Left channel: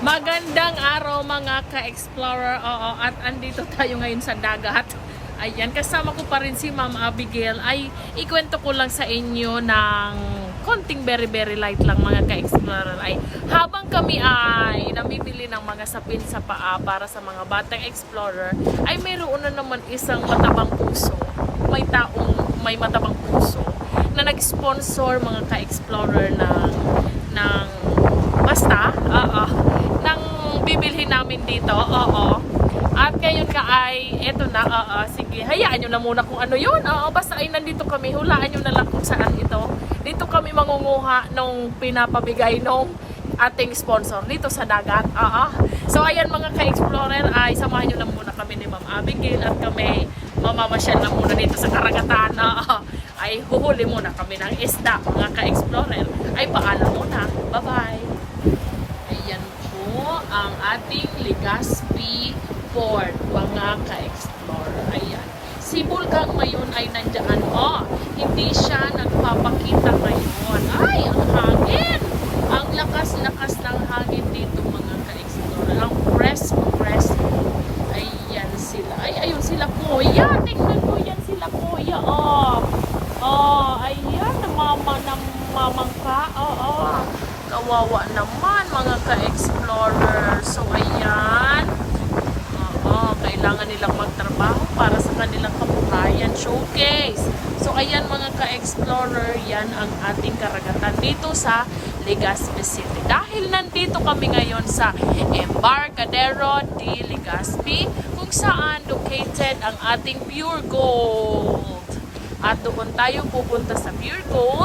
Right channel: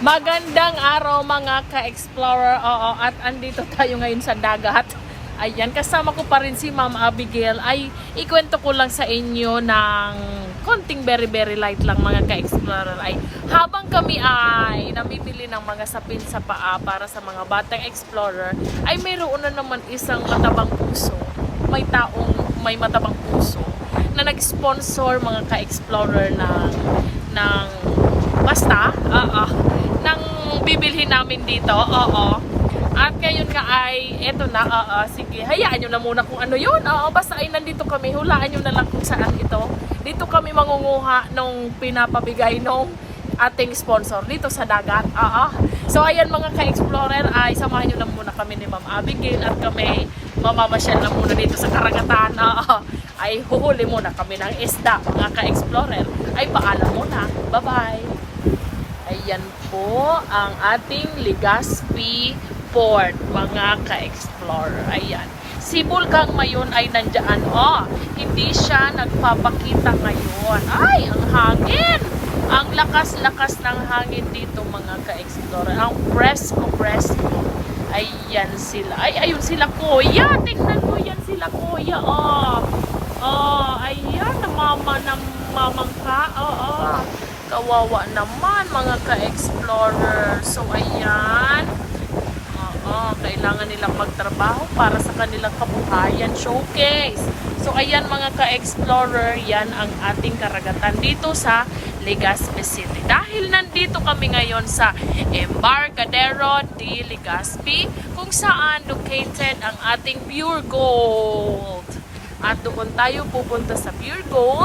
Magandang araw mga ka-explorer. Oo, at andito tayo ngayon sa dagat. Ayan, kasama ko pa rin si Ma'am Abigail. Ay, ikwento ko lang sa inyo ng konting very light lang mga ka-explorer. Ay, habang kami ay namimili ng mga sapin sa paa para sa mga batang explorer, ay mayroon na naman isang matabang puso. May taong may matabang puso na nag-sponsor mga ka-explorer ng basta, nang bibilhin namin dito, At ngayon nga ay, eto na, sige, hayaan nyo na muna kung ano yun, basta ay nandito kami, hulaan nyo na lang kung saan ito. Dito kami mangunguha nung pinapabigay nung ating sponsor dito sa dagat, So ayan mga ka-explorer, ay samahan nyo na muna kami ni Ma'am Abigail at kami mamamasyal na muna dito sa karagatan, Ay huhuli muna kami ng isda mga ka-explorer. Ay paalam muna, bye-bye. Ayan po ang ating Legazpi Port, mga ka-explorer. Ayan. Si Bulkang Mayon ay nandyan. Hindi siya nagpapakita ngayon. Ay, ang hangin! Ang lakas-lakas ng hangin dito, mga ka-explorer. Ang presko. Ayan sila. Ay, ayun sila, kuya. Tingnan mo yan sila, kuya. Ayan. Namamangka. Kawawa naman mga ka-explorer. So ayan, kailangan nilang magtrabaho para sa kanilang kabuhayan. Showcase. So ayan mga ka-explorer, yan ang ating karagatan dito sa Legazpi City. Dahil nandito kami ngayon sa Embarcadero de Legazpi, kung saan located ang ating Pure Gold. At doon tayo pupunta sa Pure Gold.